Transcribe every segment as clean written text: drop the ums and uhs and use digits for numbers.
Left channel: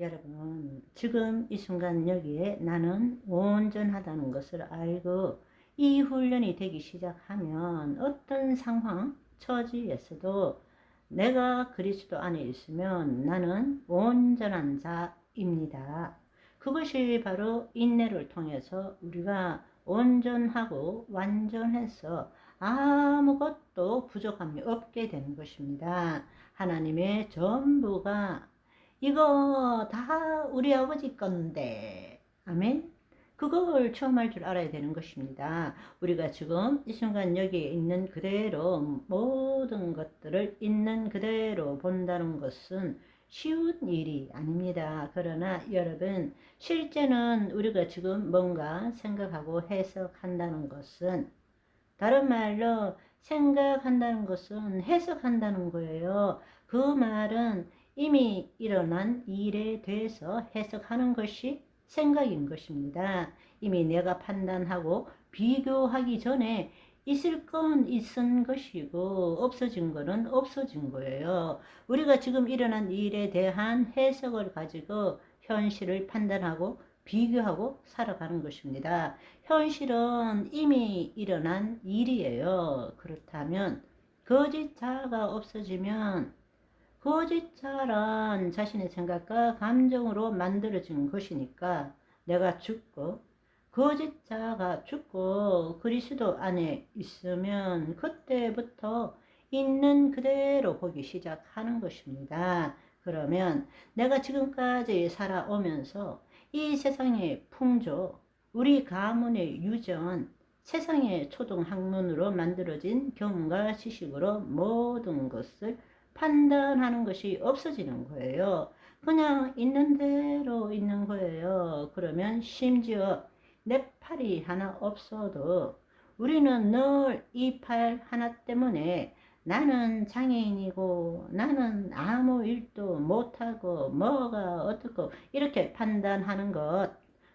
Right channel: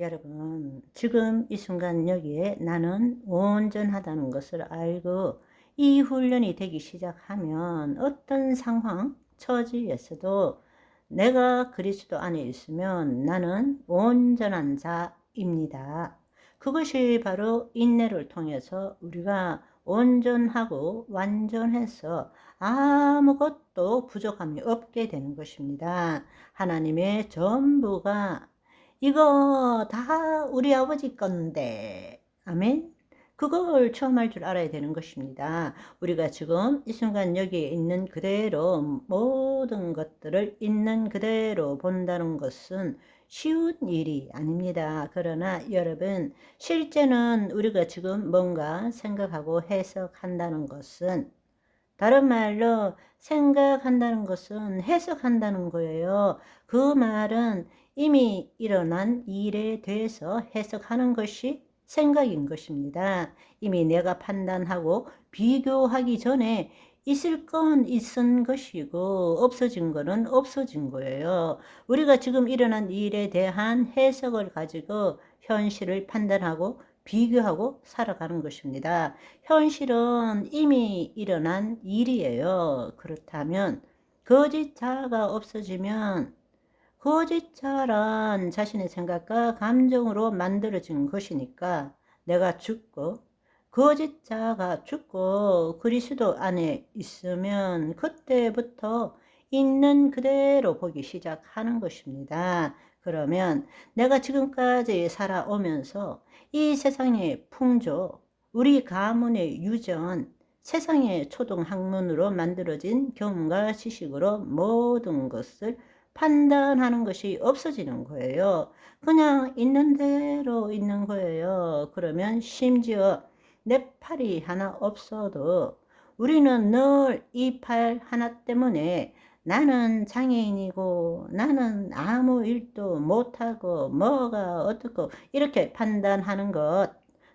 여러분, 지금 이 순간 여기에 나는 온전하다는 것을 알고 이 훈련이 되기 시작하면 어떤 상황, 처지에서도 내가 그리스도 안에 있으면 나는 온전한 자입니다. 그것이 바로 인내를 통해서 우리가 온전하고 완전해서 아무것도 부족함이 없게 되는 것입니다. 하나님의 전부가 이거 다 우리 아버지 건데, 아멘? 그걸 처음 할 줄 알아야 되는 것입니다. 우리가 지금 이 순간 여기에 있는 그대로 모든 것들을 있는 그대로 본다는 것은 쉬운 일이 아닙니다. 그러나 여러분, 실제는 우리가 지금 뭔가 생각하고 해석한다는 것은, 다른 말로 생각한다는 것은 해석한다는 거예요. 그 말은 이미 일어난 일에 대해서 해석하는 것이 생각인 것입니다. 이미 내가 판단하고 비교하기 전에 있을 건 있은 것이고 없어진 거는 없어진 거예요. 우리가 지금 일어난 일에 대한 해석을 가지고 현실을 판단하고 비교하고 살아가는 것입니다. 현실은 이미 일어난 일이에요. 그렇다면 거짓자가 없어지면 거짓자란 자신의 생각과 감정으로 만들어진 것이니까 내가 죽고 거짓자가 죽고 그리스도 안에 있으면 그때부터 있는 그대로 보기 시작하는 것입니다. 그러면 내가 지금까지 살아오면서 이 세상의 풍조, 우리 가문의 유전, 세상의 초등학문으로 만들어진 경험과 지식으로 모든 것을 판단하는 것이 없어지는 거예요. 그냥 있는 대로 있는 거예요. 그러면 심지어 내 팔이 하나 없어도 우리는 늘 이 팔 하나 때문에 나는 장애인이고 나는 아무 일도 못하고 뭐가 어떻고 이렇게 판단하는 것,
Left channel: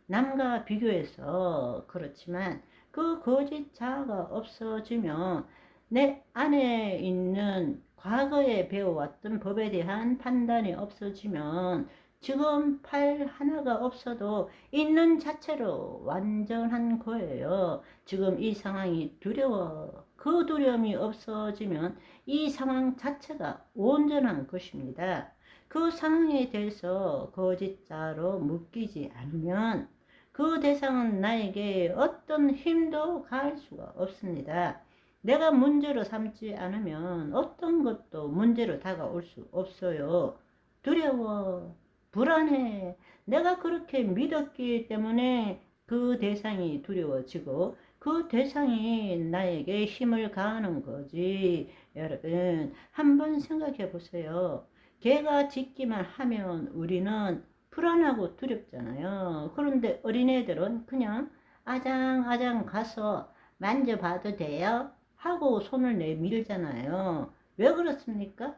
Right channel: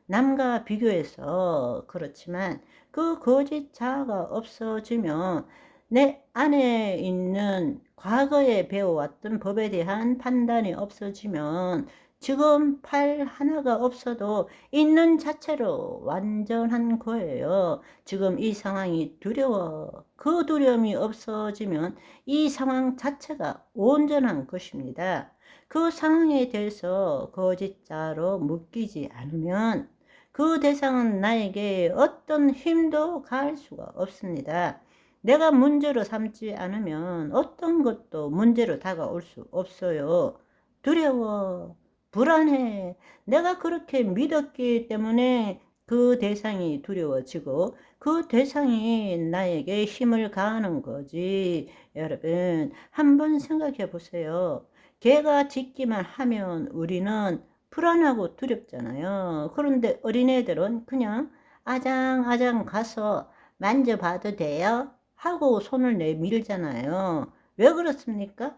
남과 비교해서. 그렇지만 그 거짓 자아가 없어지면 내 안에 있는 과거에 배워왔던 법에 대한 판단이 없어지면 지금 팔 하나가 없어도 있는 자체로 완전한 거예요. 지금 이 상황이 두려워. 그 두려움이 없어지면 이 상황 자체가 온전한 것입니다. 그 상황에 대해서 거짓자로 묶이지 않으면 그 대상은 나에게 어떤 힘도 가할 수가 없습니다. 내가 문제로 삼지 않으면 어떤 것도 문제로 다가올 수 없어요. 두려워, 불안해. 내가 그렇게 믿었기 때문에 그 대상이 두려워지고 그 대상이 나에게 힘을 가하는 거지. 여러분, 한번 생각해 보세요. 개가 짖기만 하면 우리는 불안하고 두렵잖아요. 그런데 어린애들은 그냥 아장아장 가서 만져봐도 돼요? 하고 손을 내밀잖아요. 왜 그렇습니까?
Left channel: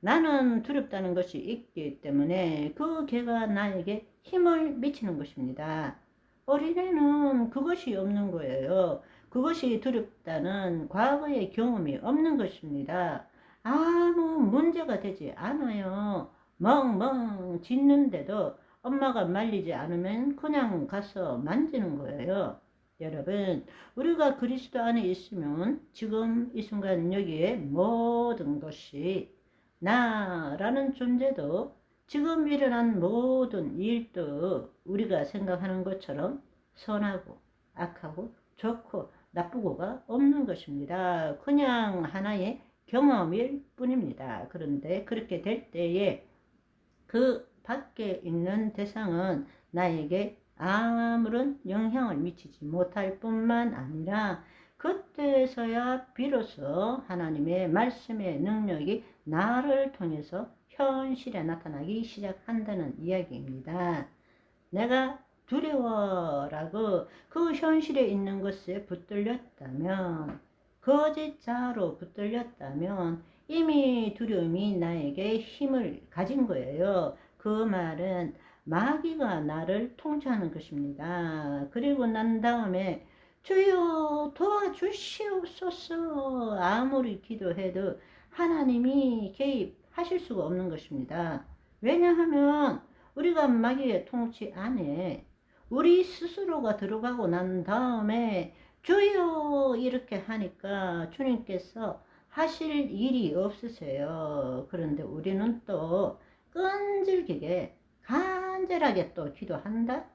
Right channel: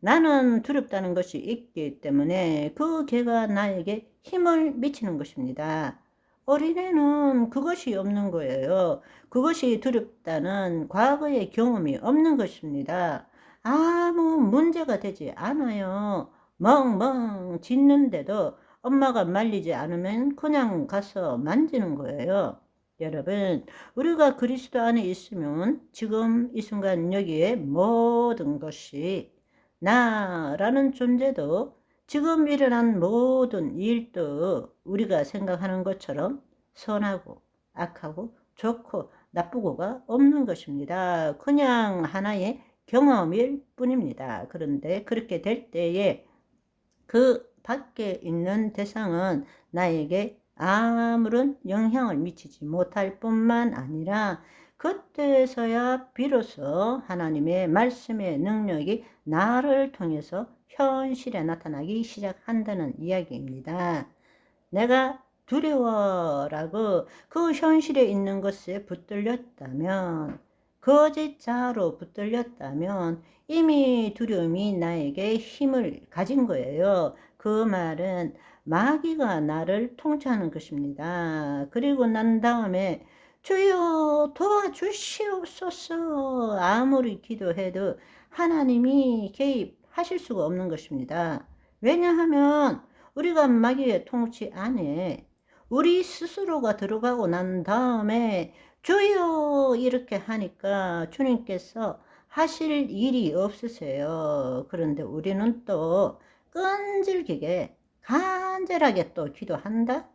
나는 두렵다는 것이 있기 때문에 그 개가 나에게 힘을 미치는 것입니다. 어린애는 그것이 없는 거예요. 그것이 두렵다는 과거의 경험이 없는 것입니다. 아무 문제가 되지 않아요. 멍멍 짖는데도 엄마가 말리지 않으면 그냥 가서 만지는 거예요. 여러분, 우리가 그리스도 안에 있으면 지금 이 순간 여기에 모든 것이 나라는 존재도 지금 일어난 모든 일도 우리가 생각하는 것처럼 선하고 악하고 좋고 나쁘고가 없는 것입니다. 그냥 하나의 경험일 뿐입니다. 그런데 그렇게 될 때에 그 밖에 있는 대상은 나에게 아무런 영향을 미치지 못할 뿐만 아니라 그때서야 비로소 하나님의 말씀의 능력이 나를 통해서 현실에 나타나기 시작한다는 이야기입니다. 내가 두려워라고 그 현실에 있는 것에 붙들렸다면, 거짓자로 붙들렸다면 이미 두려움이 나에게 힘을 가진 거예요. 그 말은 마귀가 나를 통치하는 것입니다. 그리고 난 다음에 주여 도와주시옵소서 아무리 기도해도 하나님이 개입하실 수가 없는 것입니다. 왜냐하면 우리가 마귀의 통치 안에 우리 스스로가 들어가고 난 다음에 주여 이렇게 하니까 주님께서 하실 일이 없으세요. 그런데 우리는 또 끈질기게 간절하게 또 기도한다?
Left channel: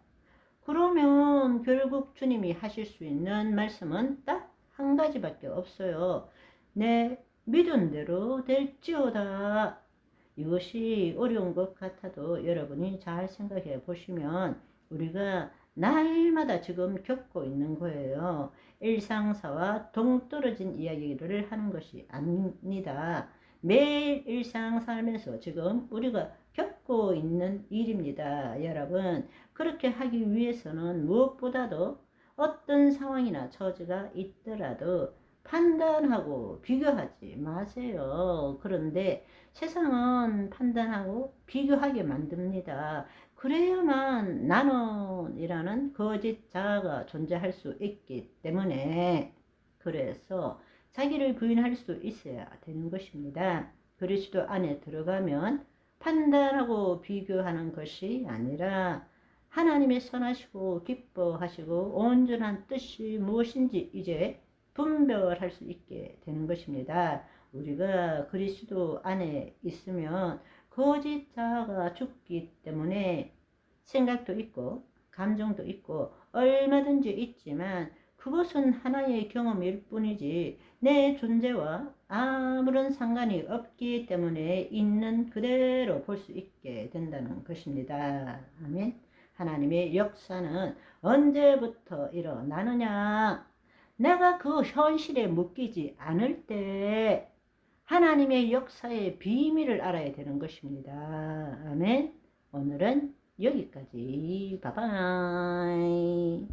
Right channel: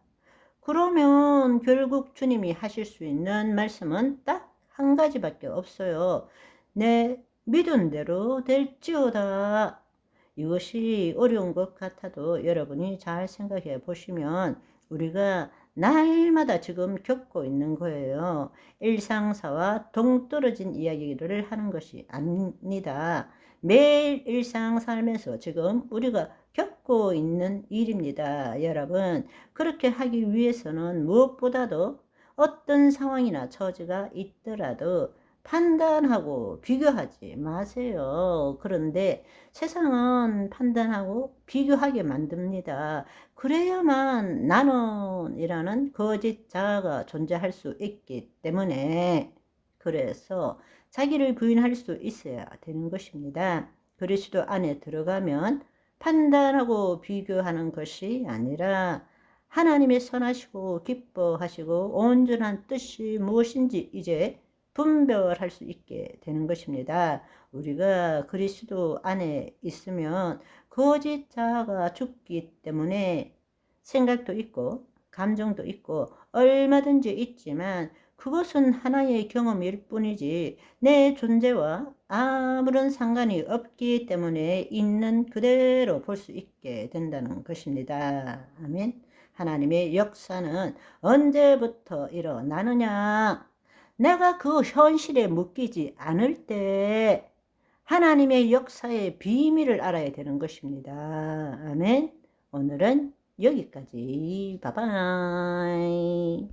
그러면 결국 주님이 하실 수 있는 말씀은 딱 한 가지밖에 없어요. 내 믿은 대로 될지어다. 이것이 어려운 것 같아도 여러분이 잘 생각해 보시면 우리가 날마다 지금 겪고 있는 거예요. 일상사와 동떨어진 이야기를 하는 것이 아닙니다. 매일 일상 살면서 지금 우리가 겪고 있는 일입니다. 여러분, 그렇게 하기 위해서는 무엇보다도 어떤 상황이나 처지가 있더라도 판단하고 비교하지 마세요. 그런데 세상은 판단하고 비교하게 만듭니다. 그래야만 나는이라는 거짓 자아가 존재할 수 있기 때문에 그래서 자기를 부인할 수 있어야 되는 것입니다. 그리스도 안에 들어가면 판단하고 비교하는 것이 아니라 하나님의 선하시고 기뻐하시고 온전한 뜻이 무엇인지 이제 분별할 수 있게 되는 것입니다. 우리가 그리스도 안에 있으면 거짓 자아가 죽기 때문에 생각도 있고 감정도 있고 얼마든지 있지만 그것은 하나의 경험일 뿐이지 내 존재와 아무런 상관이 없기 때문에 있는 그대로 볼 수 있게 된다는 것입니다. 아멘. 하나님의 역사는 언제부터 일어나느냐? 내가 그 현실에 묶이지 않을 때 하나님의 역사의 비밀을 알아야 되는 것입니다. 아멘. 오늘은 여기까지. 바이바이.